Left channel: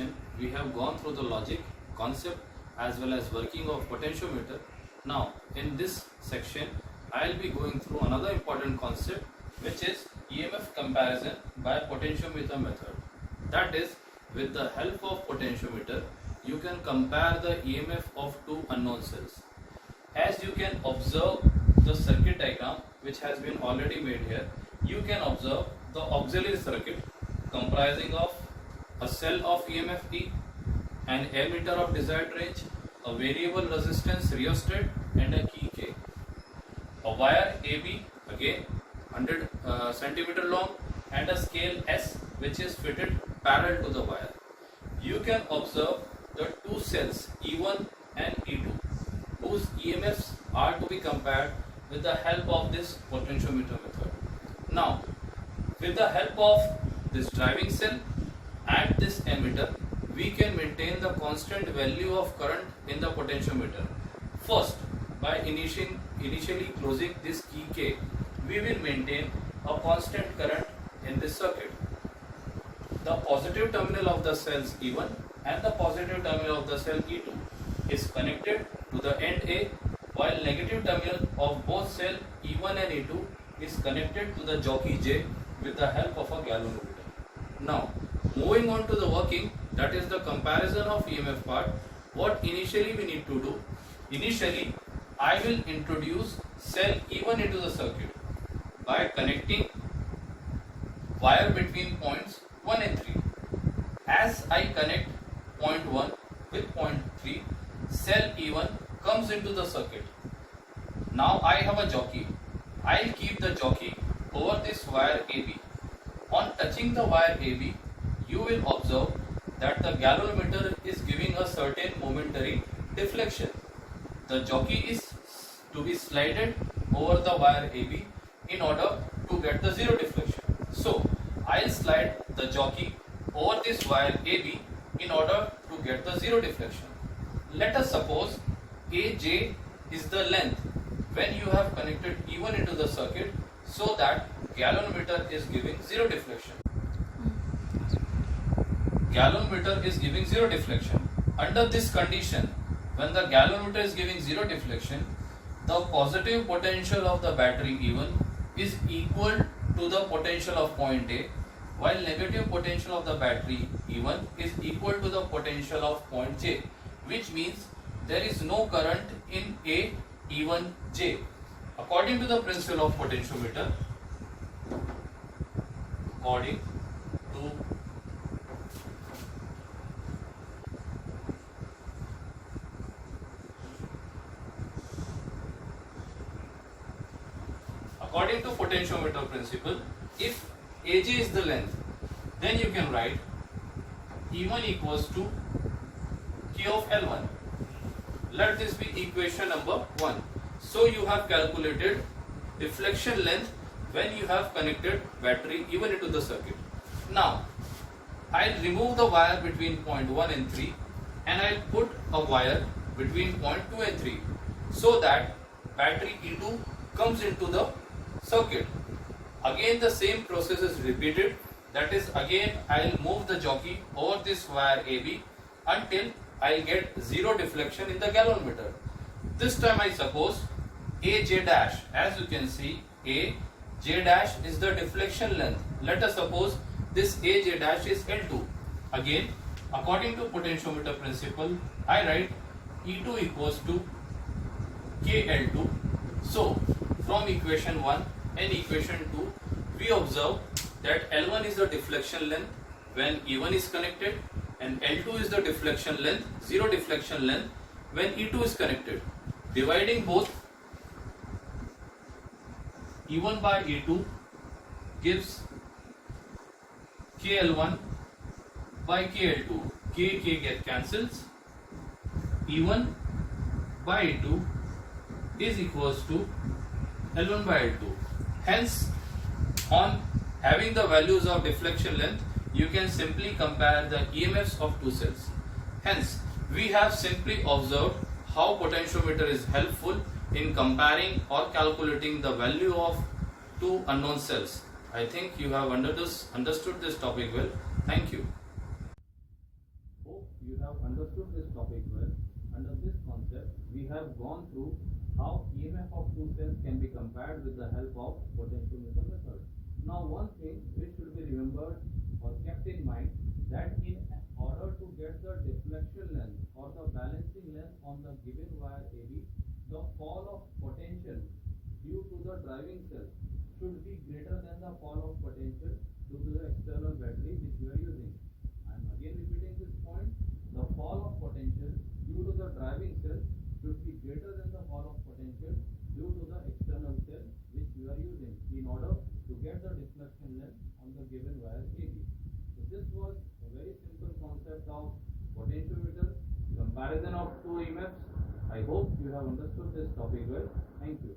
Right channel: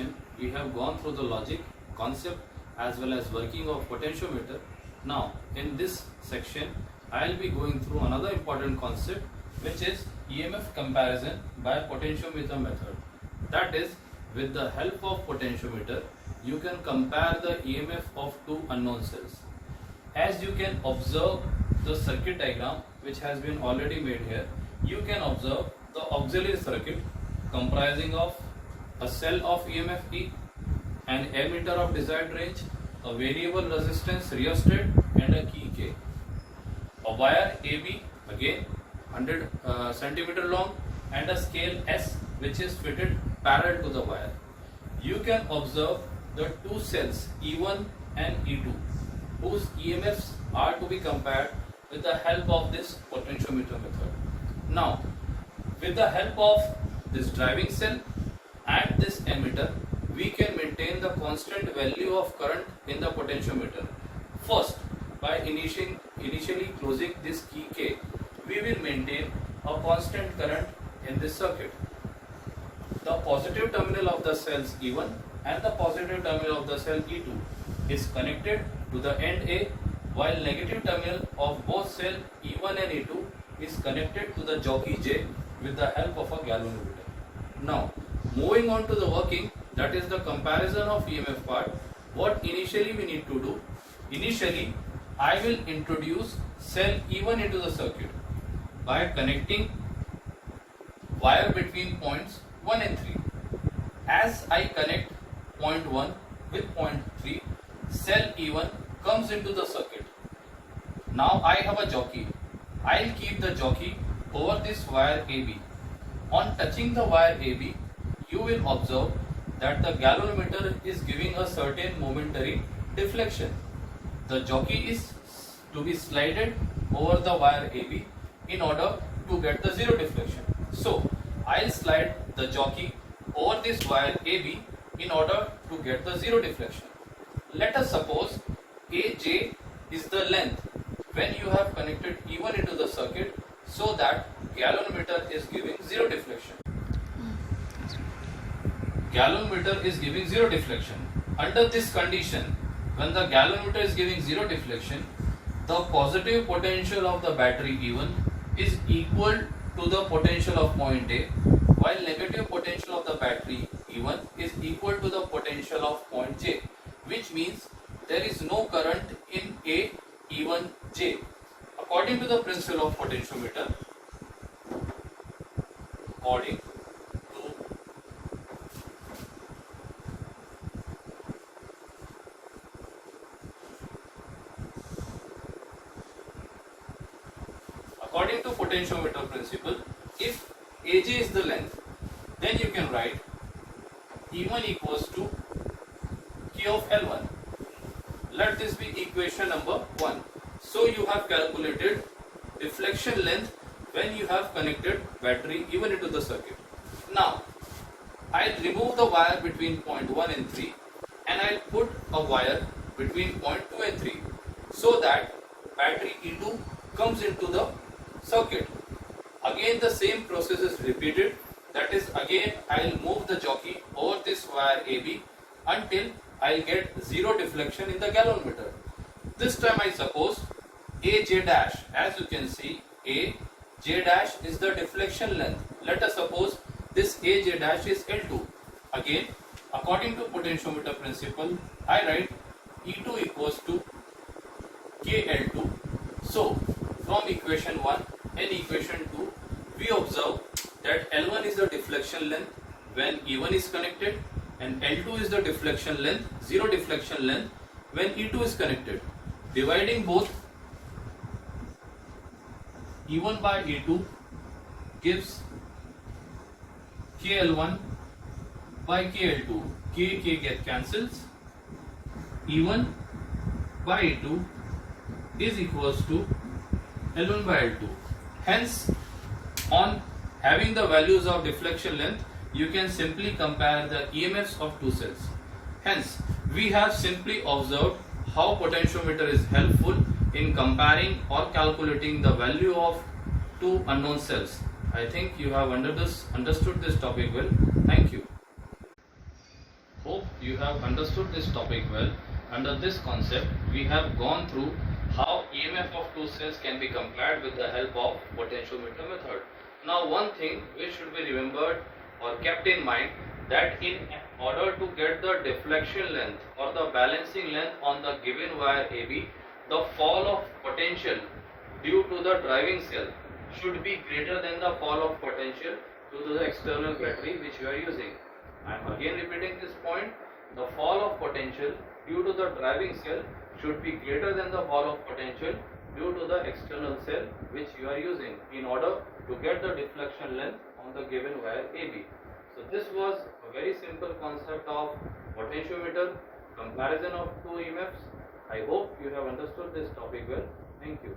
section we have gone through the logic, concept as well as working of potentiometer. Now in this section I will be going through another important concept, which is EMF comparison by potentiometer method. That is, with the help of potentiometer you can compare the EMF of two unknown cells. As you can observe the circuit diagram which has been already made here, you can observe the auxiliary circuit comprising of a cell of EMF E, an ammeter of desired range, a variable resistance rheostat and a key K. A wire AB, again 100 centimeter long, and a scale S which is fitted parallel to the wire. You can observe the two cells E1 and E2 whose EMFs are to be compared with the help of this potentiometer method. Now, with the help of this driving cell and this ammeter, we can maintain the constant value of current in the potentiometer. First, by initially closing this key K, we will maintain a constant current in this circuit. The positive terminal of the cells E1 and the positive terminal of the cell E2 is connected to the end A, while negative terminal of both cell E1 and E2 is connected to the jockey J with the help of a galvanometer. Now, moving on to the working, that is the comparison of EMF part, what initially we need to do? Initially, I will introduce cell E1 into the circuit by connecting wire between points 1 and 3. As I connect point 1 with point 3, cell E1 comes into the circuit. Now I have a jockey. I'll keep the jockey over this wire AB. On touching the wire AB, you will observe that the galvanometer is giving a certain momentary deflection. The jockey is to be slided over the wire AB in order to get the zero deflection. So I'll slide the jockey over this wire AB in order to get the zero deflection. Let us suppose AJ is the length when you have connected E1 into the circuit, so that galvanometer is giving zero deflection. Galvanometer is giving zero deflection. Under this condition, when the galvanometer is giving zero deflection, the positive potential of the battery E1 is equal to the potential of point A, while negative potential of the battery E1 is equal to the potential of point J, which means there is no current in A E1 J. According to the principle of potentiometer, according to potentiometer principle, if AJ is the length, then you can write E1 equals to K of L1. Let this be equation number 1. So you have calculated deflection length when you have connected battery E1 into the circuit. Now, I'll remove the wire between point 1 and 3 and I'll put a wire between point 2 and 3, so that battery E2 comes into the circuit. Again the same process is repeated, that is, again I'll move the jockey over this wire AB until I'll get zero deflection in the galvanometer. This time I suppose AJ dash, as you can see AJ dash is the deflection length. Let us suppose this AJ dash is L2. Again, according to potentiometer principle, I write E2 equals to KL2. So from equation 1 and equation 2, we observe that L1 is the deflection length when E1 is connected, and L2 is the deflection length, zero deflection length, when E2 is connected. Dividing both, E1 by E2 gives KL1 by KL2. K get cancels. E1 by E2 is equals to L1 by L2. Hence, on having the values of deflection length, you can simply compare the EMFs of two cells. Hence, we have simply observed how potentiometer is helpful in comparing or calculating the value of two unknown cells. I think you have understood this topic well. Thank you. you have understood this topic well. Under this concept, we have gone through how EMF of two cells can be compared with the help of potentiometer method. Now, one thing which should be remembered or kept in mind, that in order to get the deflection length or the balancing length on the given wire AB, the fall of potential due to the driving cell should be greater than the fall of potential due to the external battery which you are using. I am again repeating this point. The fall of potential due to the driving cell should be greater than the fall of potential due to the external cell which you are using in order to get the deflection length on the given wire AB. So this was a very simple concept of potentiometer, comparison of two EMFs. I hope you have understood this topic well. Thank you.